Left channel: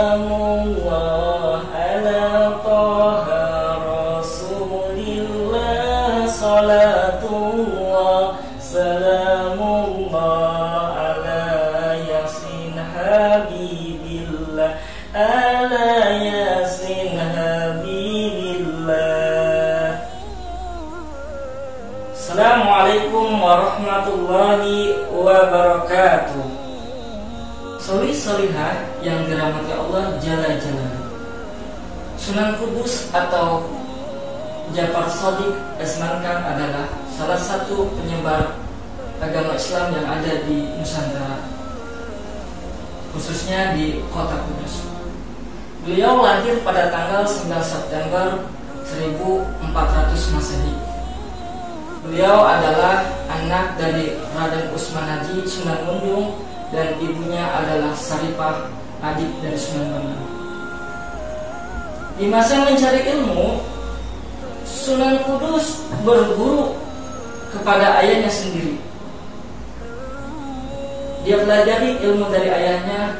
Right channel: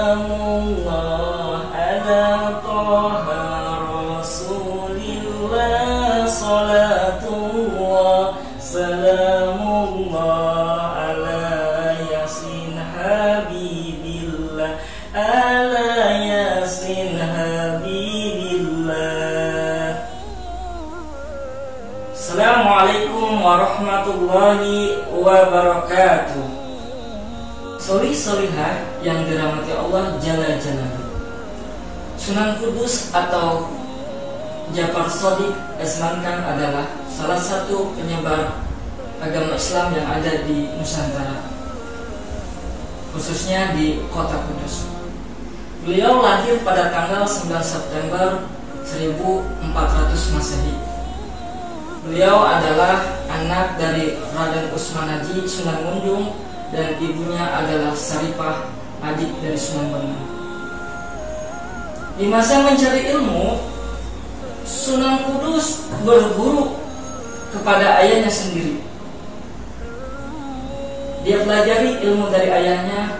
Salamullah ala Taha Rasulillah, salatullah salamullah ala Yasin Habibillah, ala Yasin Habibillah. Assalamualaikum warahmatullahi wabarakatuh. Solih-solihah yang dirahmati Allah Jalla Jalaluhu. Sunan Kudus atau Ja'far Shadiq Asmangkang adalah salah satu penyebar agama Islam yang ada di Nusantara, khususnya di kota Kudus. Beliau lahir pada tanggal 9 September 1400 Masehi. Beliau adalah anak dari Raden Usman Haji Sunan Munjung dan ibunya adalah Saripah, adik dari Sunan Bonang. Di masa mencari ilmu, Sunan Kudus berguru kepada ayahnya sendiri. Dia pelajari ilmu dari ayahnya.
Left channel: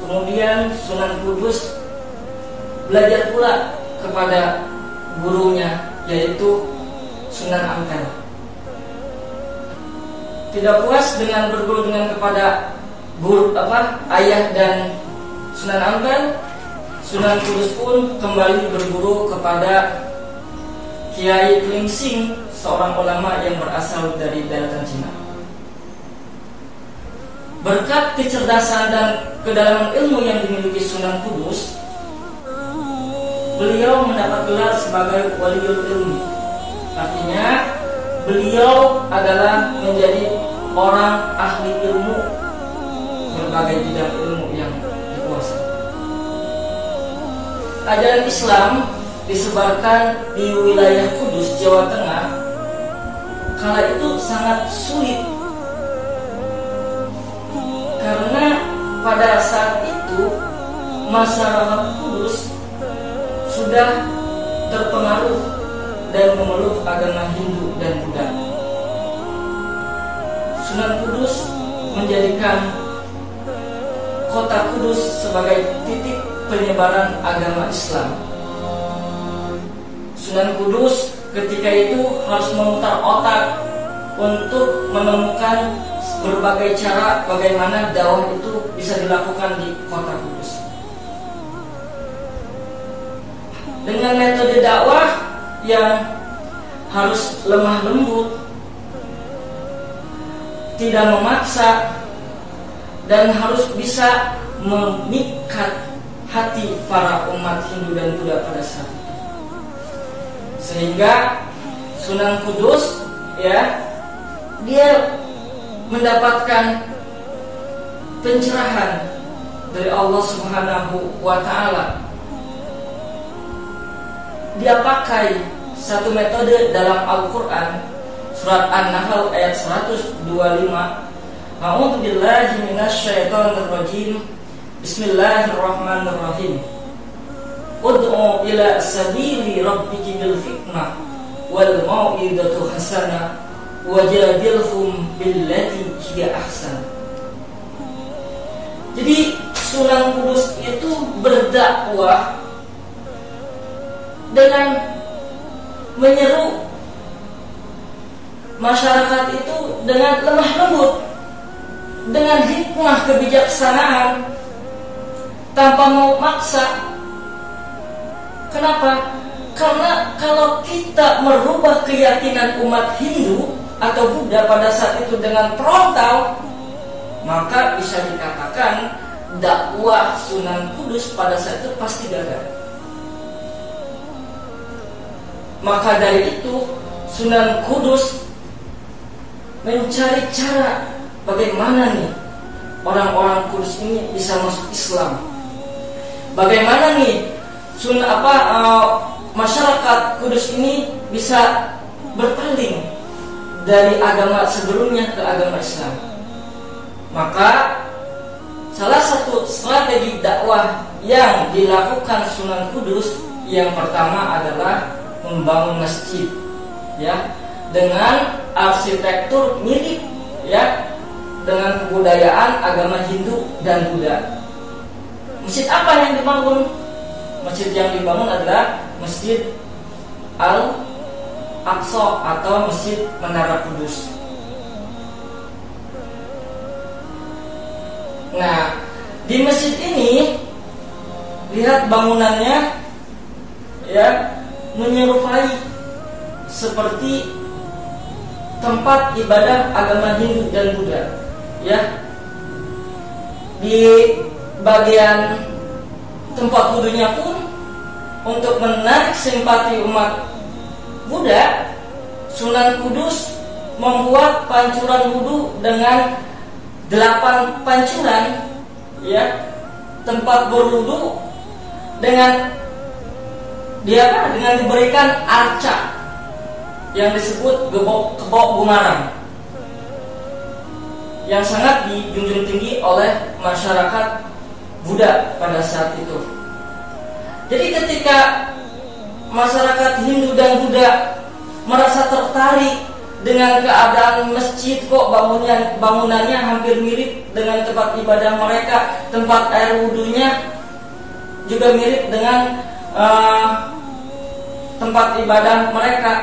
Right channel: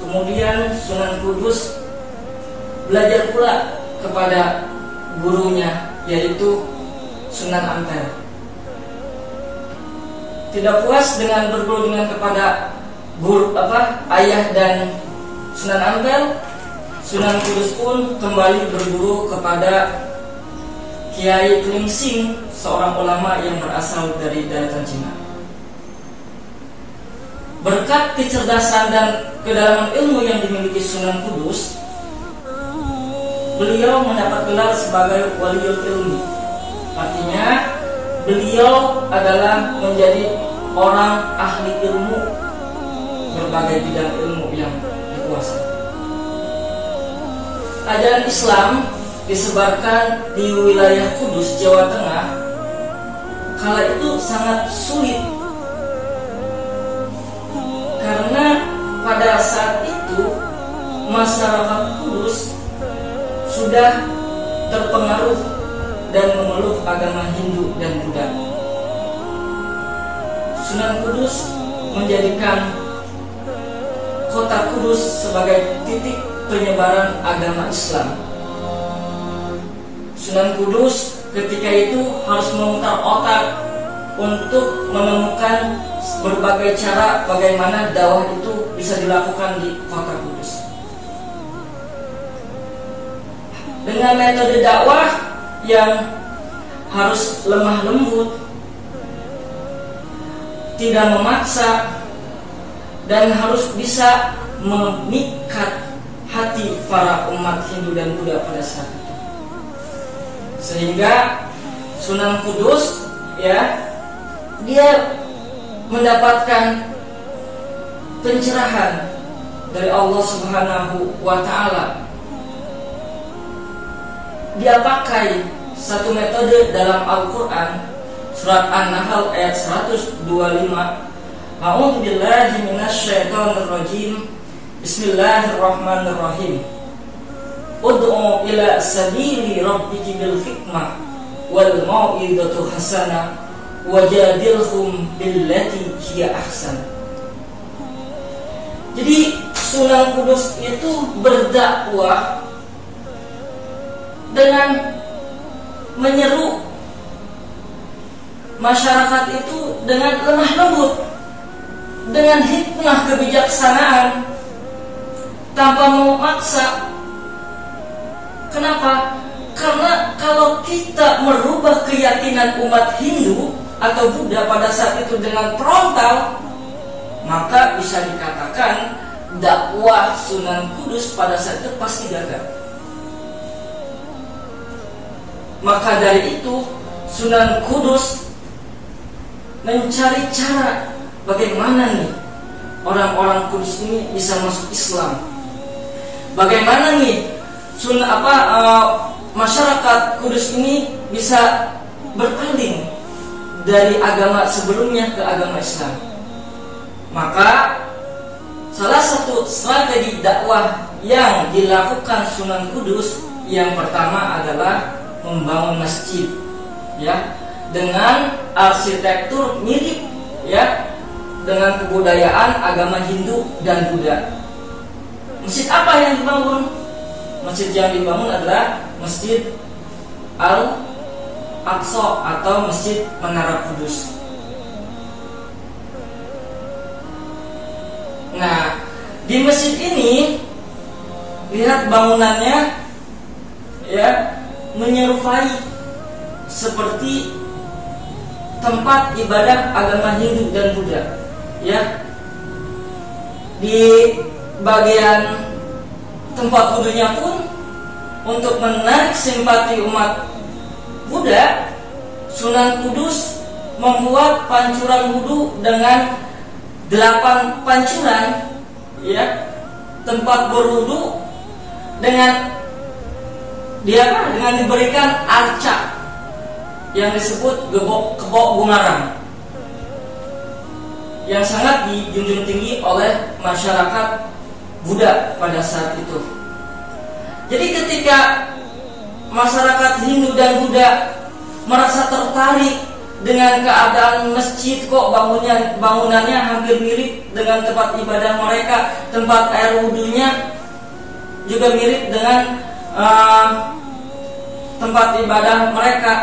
Kemudian Sunan Kudus belajar pula kepada gurunya, yaitu Sunan Ampel. Tidak puas dengan berguru kepada ayah dan Sunan Ampel, Sunan Kudus pun kembali berguru kepada Kiai Klingsing, seorang ulama yang berasal dari daratan Cina. Berkat kecerdasan dan kedalaman ilmu yang dimiliki Sunan Kudus, beliau mendapat gelar sebagai Waliul Ilmi. Artinya beliau adalah menjadi orang ahli ilmu, berbagai bidang ilmu yang dikuasai. Ajaran Islam disebarkan di wilayah Kudus, Jawa Tengah. Kala itu sangat sulit, karena pada saat itu masyarakat Kudus sudah terpengaruh dan memeluk agama Hindu dan Buddha. Sunan Kudus menjadikan kota Kudus sebagai titik penyebaran agama Islam. Sunan Kudus ketika itu harus memutar otak untuk menemukan berbagai cara bagaimana dakwah itu bisa dilakukan di kota Kudus. Dengan metode dakwah yang harus lemah lembut, tidak memaksa, dan harus bisa memikat hati para umat Hindu dan Buddha pada saat itu. Sehingga Sunan Kudus dia mendapatkan pencerahan dari Allah Subhanahu wa Ta'ala. Dia pakai satu metode dalam Al-Quran, surat An-Nahl ayat 125. A'udzu billahi minasyaitonir rajim. Bismillahirrahmanirrahim. Ud'u ila sabili rabbiki bil hikmah wal mau'izatu hasanah wajadilhum billati hiya ahsan. Jadi Sunan Kudus itu berdakwah dengan menyeru masyarakat itu dengan lemah lembut, dengan hikmah kebijaksanaan, tanpa mau maksa. Kenapa? Karena kalau kita merubah keyakinan umat Hindu atau Buddha pada saat itu dengan frontal, maka bisa dikatakan dakwah Sunan Kudus pada saat itu pasti gagal. Maka dari itu Sunan Kudus mencari cara bagaimana nih orang-orang Kudus ini bisa masuk Islam. Bagaimana nih masyarakat Kudus ini bisa berpaling dari agama sebelumnya ke agama Islam. Maka salah satu strategi dakwah yang dilakukan Sunan Kudus yang pertama adalah membangun masjid, dengan arsitektur mirip, dengan kebudayaan agama Hindu dan Buddha. Masjid apa yang dibangun? Masjid yang dibangun adalah Masjid Al-Aqsa atau Masjid Menara Kudus. Nah, di masjid ini lihat bangunannya ya menyerupai seperti tempat ibadah agama Hindu dan Buddha. Ya, di bagian tempat wudunya pun untuk menarik simpati umat Buddha, Sunan Kudus membuat pancuran wudu dengan 8 pancuran, ya, tempat berwudu dengan diberikan arca yang disebut kebok gumarang yang sangat dijunjung tinggi oleh masyarakat Buddha pada saat itu. Jadi ketika masyarakat Hindu dan Buddha merasa tertarik dengan keadaan masjid, kok bangunannya hampir mirip dengan tempat ibadah mereka, tempat air wudunya juga mirip dengan tempat ibadah mereka.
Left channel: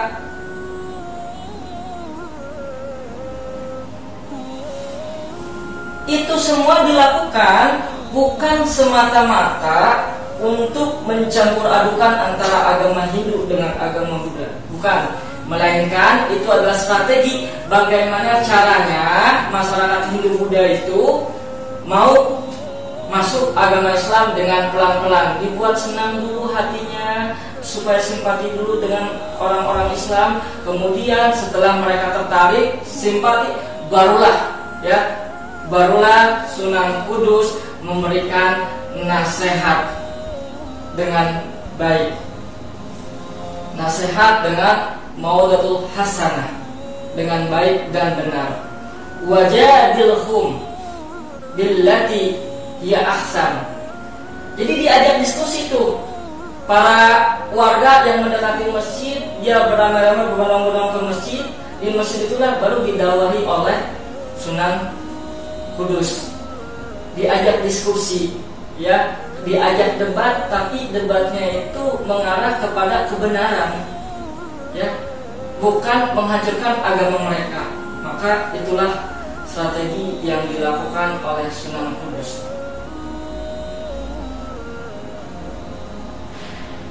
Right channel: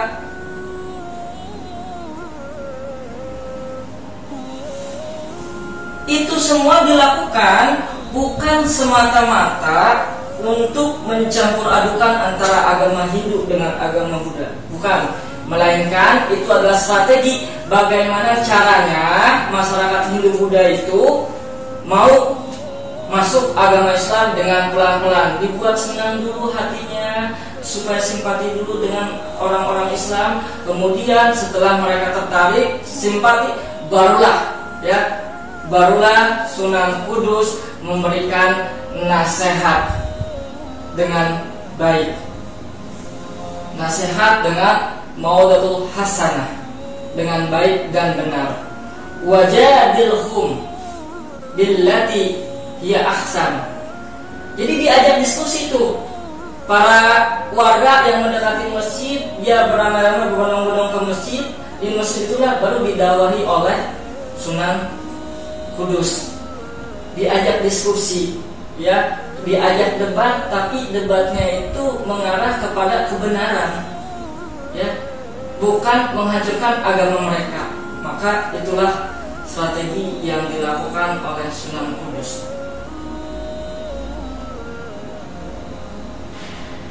Itu semua dilakukan bukan semata-mata untuk mencampur adukan antara agama Hindu dengan agama Buddha, bukan, melainkan itu adalah strategi bagaimana caranya masyarakat Hindu Buddha itu mau masuk agama Islam dengan pelan-pelan, dibuat senang dulu hatinya supaya simpati dulu dengan orang-orang Islam. Kemudian setelah mereka tertarik simpati, barulah Sunan Kudus memberikan nasihat dengan baik, nasihat dengan maudatul hasanah, dengan baik dan benar. Wajadilhum billati hiya ahsan. Jadi diajak diskusi itu. Para warga yang mendekati masjid, dia beramai-ramai berbondong-bondong ke masjid. Di masjid itulah baru didakwahi oleh Sunan Kudus. Diajak diskusi, ya, diajak debat, tapi debatnya itu mengarah kepada kebenaran, ya, bukan menghancurkan agama mereka. Maka itulah strategi yang dilakukan oleh Sunan Kudus.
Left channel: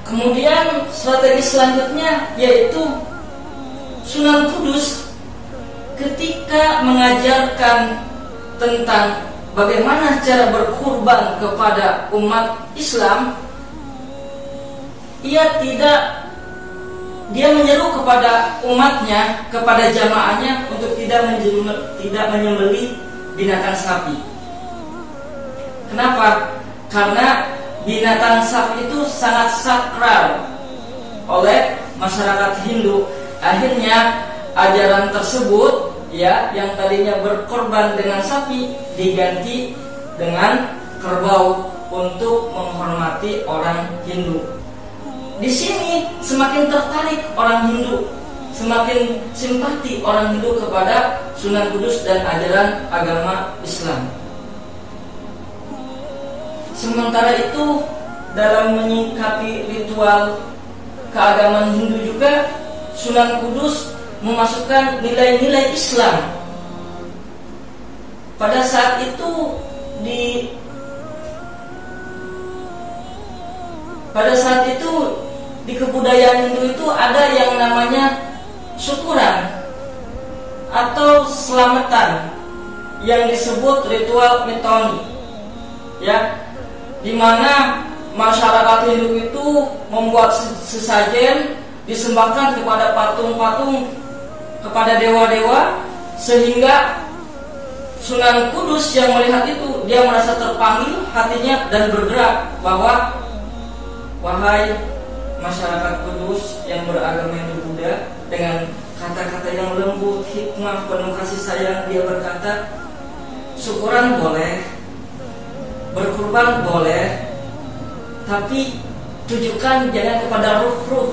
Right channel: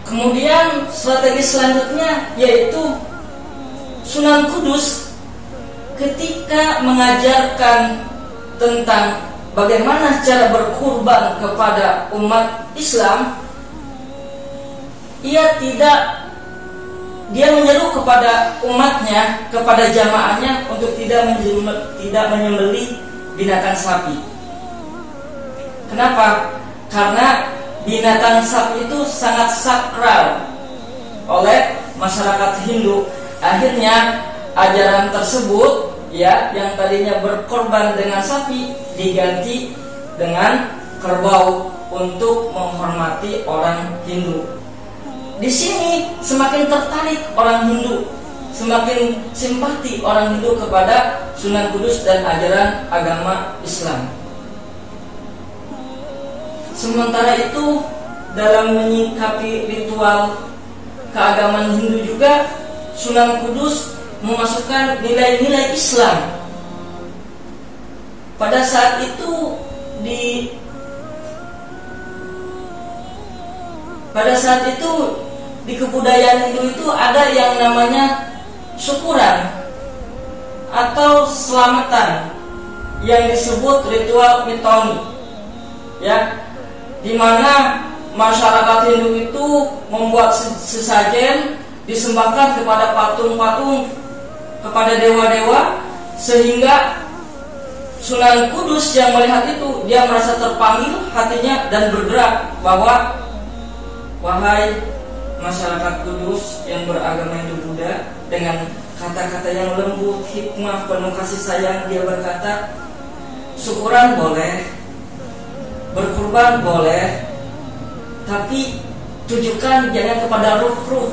Kemudian strategi selanjutnya yaitu Sunan Kudus ketika mengajarkan tentang bagaimana cara berkurban kepada umat Islam, dia menyeru kepada umatnya, kepada jamaahnya untuk tidak menyembelih binatang sapi. Kenapa? Karena binatang sapi itu sangat sakral oleh masyarakat Hindu. Akhirnya ajaran tersebut, ya, yang tadinya berkorban dengan sapi diganti dengan kerbau untuk menghormati orang Hindu. Di sini semakin tertarik orang Hindu, semakin simpati orang Hindu kepada Sunan Kudus dan ajaran agama Islam. Sementara itu, dalam menyikapi ritual keagamaan Hindu juga, Sunan Kudus memasukkan nilai-nilai Islam. Pada saat itu di kebudayaan Hindu itu ada yang namanya syukuran atau selamatan yang disebut ritual mitoni, ya, di mana masyarakat Hindu itu membuat sesajen disembahkan kepada patung-patung, kepada dewa-dewa, sehingga Sunan Kudus yang melihat itu, dia merasa terpanggil hatinya dan bergerak bahwa, wahai masyarakat Kudus yang beragama Hindu Buddha, dengan kata-kata yang lembut, hikmah, penuh kasih sayang, dia berkata, syukuran boleh, berkurban boleh, tapi tujukan jangan kepada ruh-ruh,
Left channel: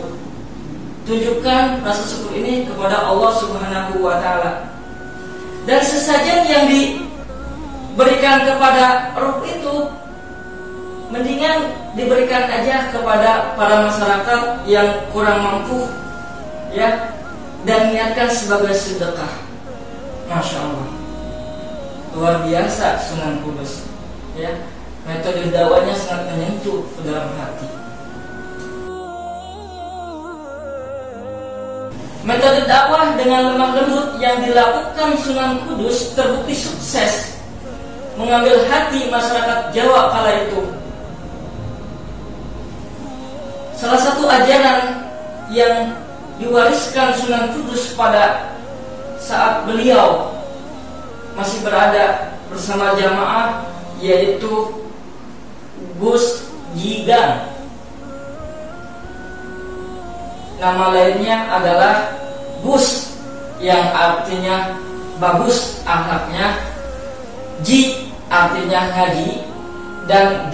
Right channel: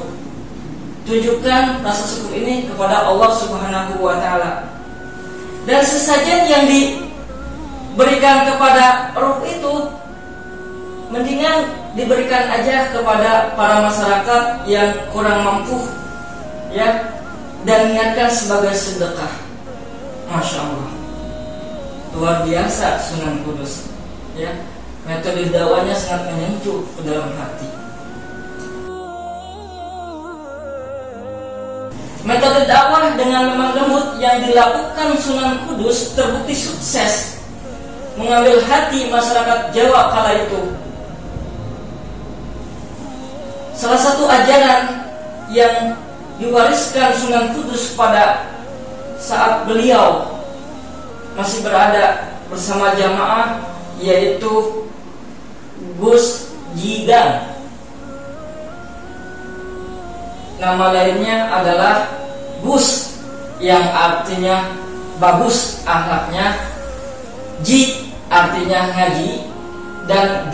tunjukkan rasa syukur ini kepada Allah Subhanahu wa Ta'ala. Dan sesajen yang diberikan kepada ruh itu mendingan diberikan aja kepada para masyarakat yang kurang mampu, ya, dan niatkan sebagai sedekah. Masya Allah, luar biasa Sunan Kudus, ya. Metode dakwahnya sangat menyentuh ke dalam hati. Metode dakwah dengan lemah lembut yang dilakukan Sunan Kudus terbukti sukses mengambil hati masyarakat Jawa kala itu. Salah satu ajaran yang diwariskan Sunan Kudus pada saat beliau masih berada bersama jamaah yaitu Gus Jigang. Nama lainnya adalah Gus, yang artinya bagus akhlaknya, Ji artinya ngaji, dan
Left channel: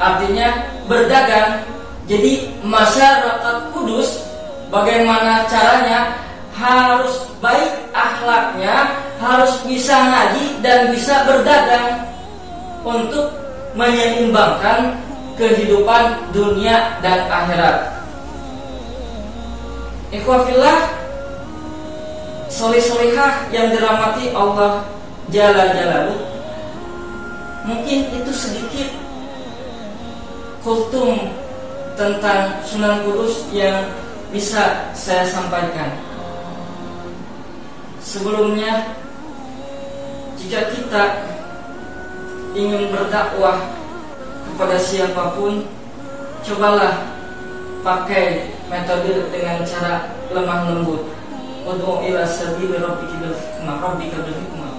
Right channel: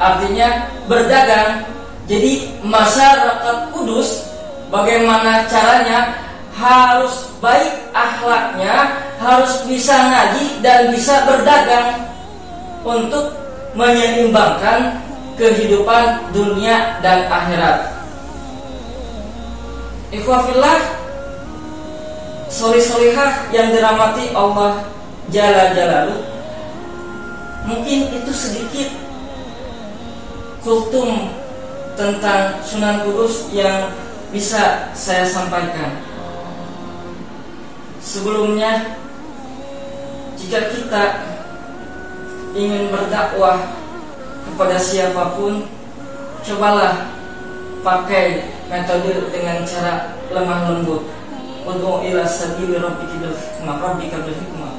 artinya berdagang. Jadi masyarakat Kudus bagaimana caranya harus baik akhlaknya, harus bisa ngaji dan bisa berdagang untuk menyeimbangkan kehidupan dunia dan akhirat. Ikhwafillah, soleh-solehah yang dirahmati Allah Jalla Jalaluh, mungkin itu sedikit kultum tentang Sunan Kudus yang bisa saya sampaikan. Sebelumnya, jika kita ingin berdakwah kepada siapapun, cobalah pakai metode dengan cara lemah lembut. Ud'u ila sabili rabbika bil hikmah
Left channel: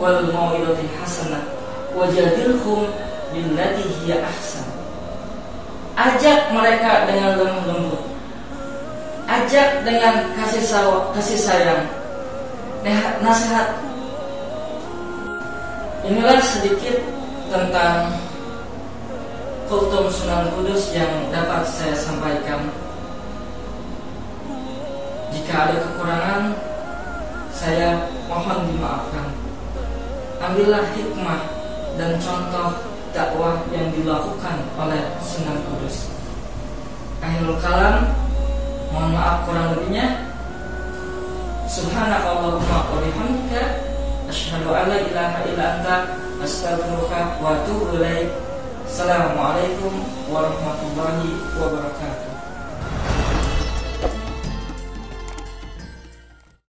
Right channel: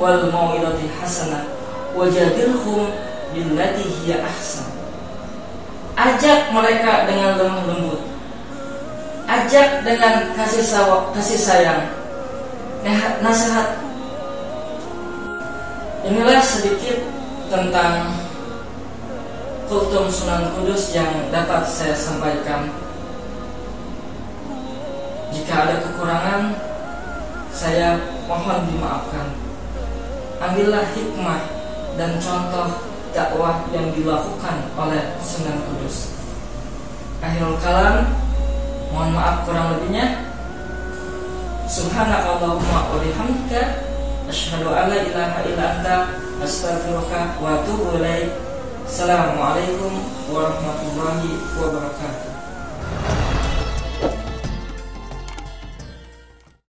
wal mau'izatil hasanah wajadilhum billati hiya ahsan. Ajak mereka dengan lemah lembut, ajak dengan kasih sayang, nasihat. Inilah sedikit tentang kultum Sunan Kudus yang dapat saya sampaikan. Jika ada kekurangan, saya mohon dimaafkan. Ambillah hikmah dan contoh dakwah yang dilakukan oleh Sunan Kudus. Akhirul kalam, mohon maaf kurang lebihnya. Subhanakallahumma wa bihamdika asyhadu an la ilaha illa anta astaghfiruka wa atubu ilaik. Assalamualaikum warahmatullahi wabarakatuh.